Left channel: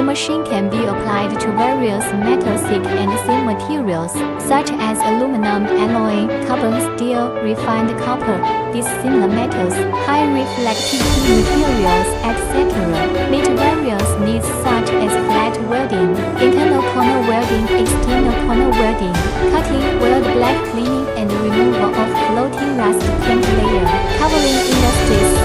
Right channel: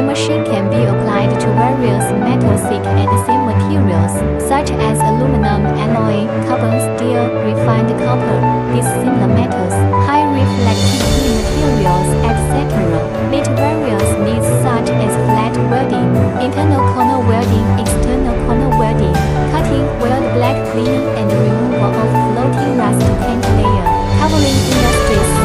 The machine can be applied to various metal thick and thin materials, such as aluminum alloy, carbon steel, refined copper, dissimilar metals, high reflectivity materials, etc. Meet various needs such as flat welding, internal corner welding, external corner welding, cutting, weld black cleaning and removal of floating rust paint layer, covering industries